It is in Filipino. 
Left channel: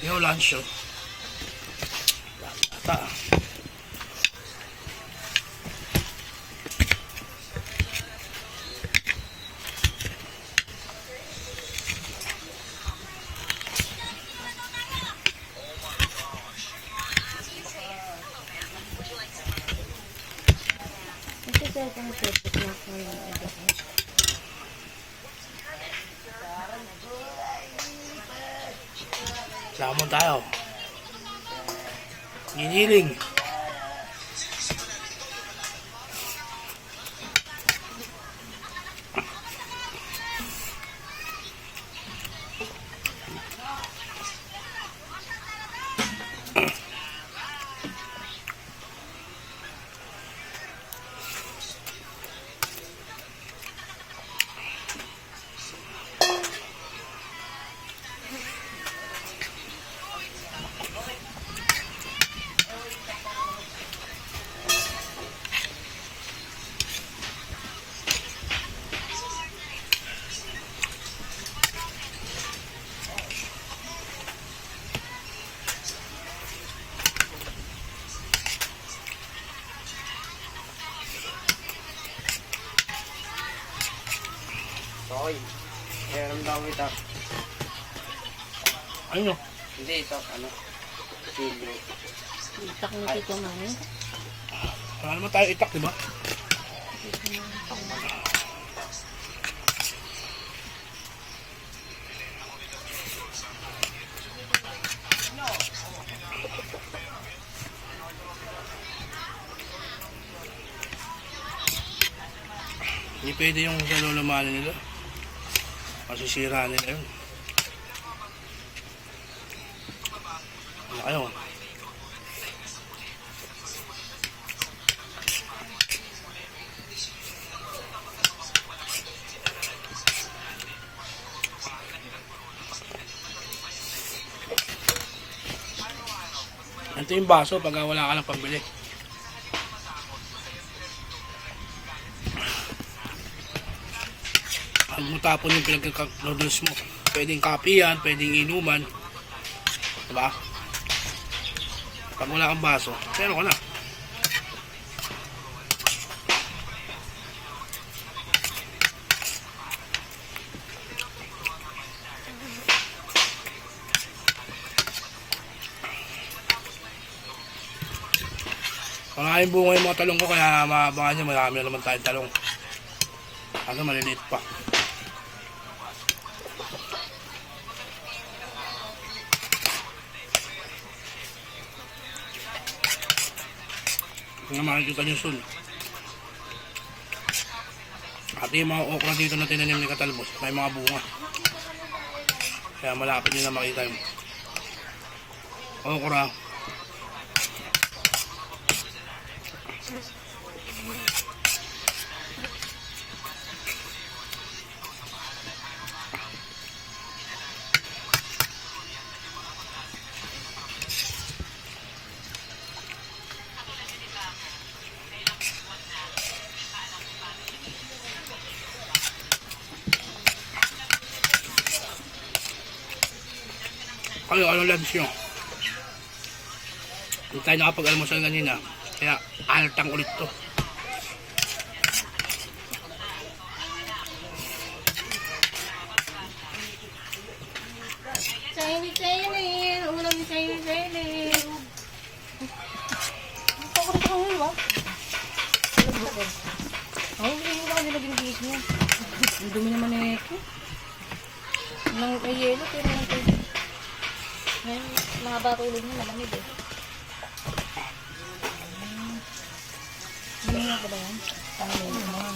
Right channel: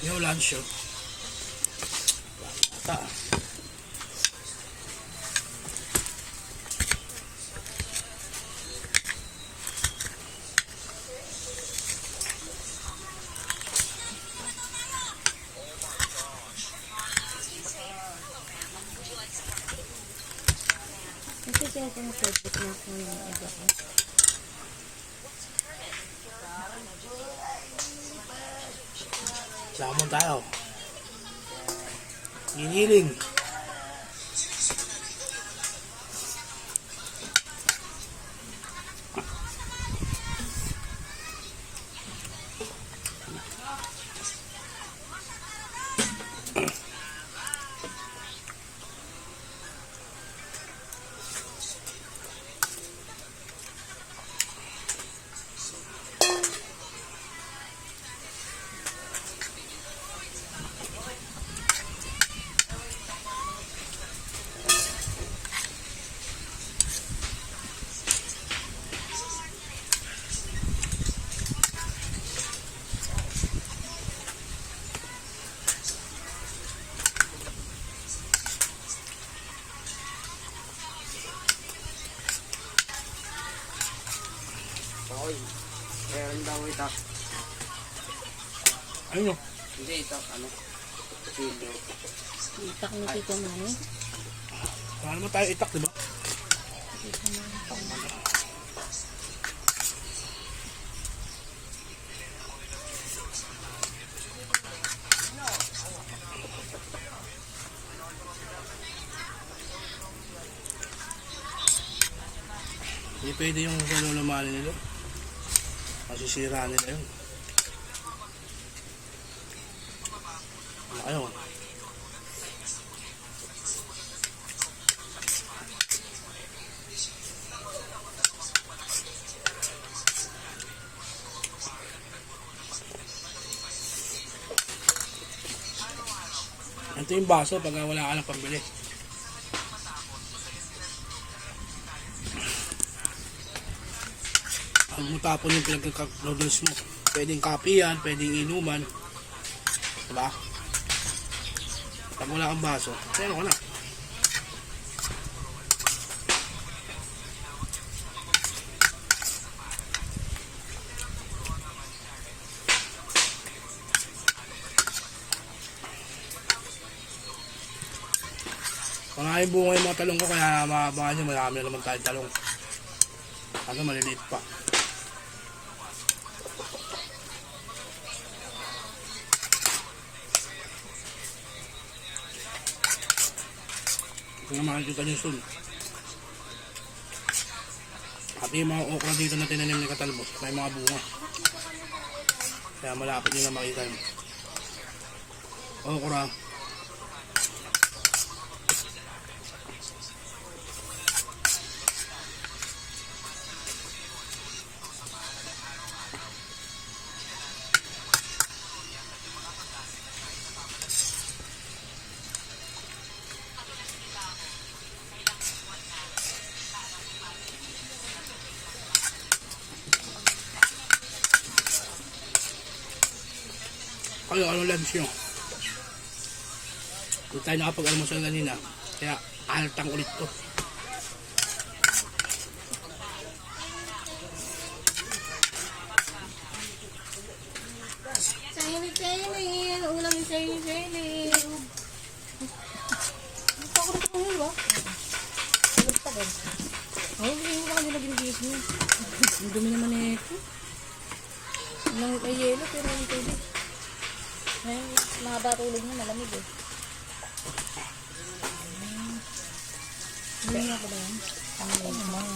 Yung lunch yun. Bata. Kasi siya kung pwede na po yung edit. Lamon tayo. Giniling. Hoy, meron bang ito? Ayun o. Hindi, ito, ano? Chili. Itak ni Tito Manny. Wala naman tayo itak, diba? Hindi pwede yung sa lulumali nila. Masisira nila yun. Ano kayo? Ito yung baso pag wala ka ng pambili. Ang mutapon yung pinagkaka-noodles mo. Pwedeng kape yan, pwedeng inuman. Diba? Pag wala kang baso, pero ko na. Pangaling bunga yung mga talong ko kaya maabangan nyo, marami na naman tayong talong. Ano maliliit pa. Kung makikita nyo soon. At yung mga okra dito na tinanim ni Katalbos, may mga bunga. Kaya malapit nyo na makita yung okra. Kayo, ano lunch nyo? Hindi tayo nakapag-almusal kanina. Kaya altang ulit to. Sainin! Ulam ni sainin! Ito ko rin sa kanil ba? Ay, hindi mo ka nila ginigis mo. Ang dumi naman na ito. May yelo, pero lang ito. May mahaba tulog mo, malamig eh. Ano nga pala yan? Ano nga?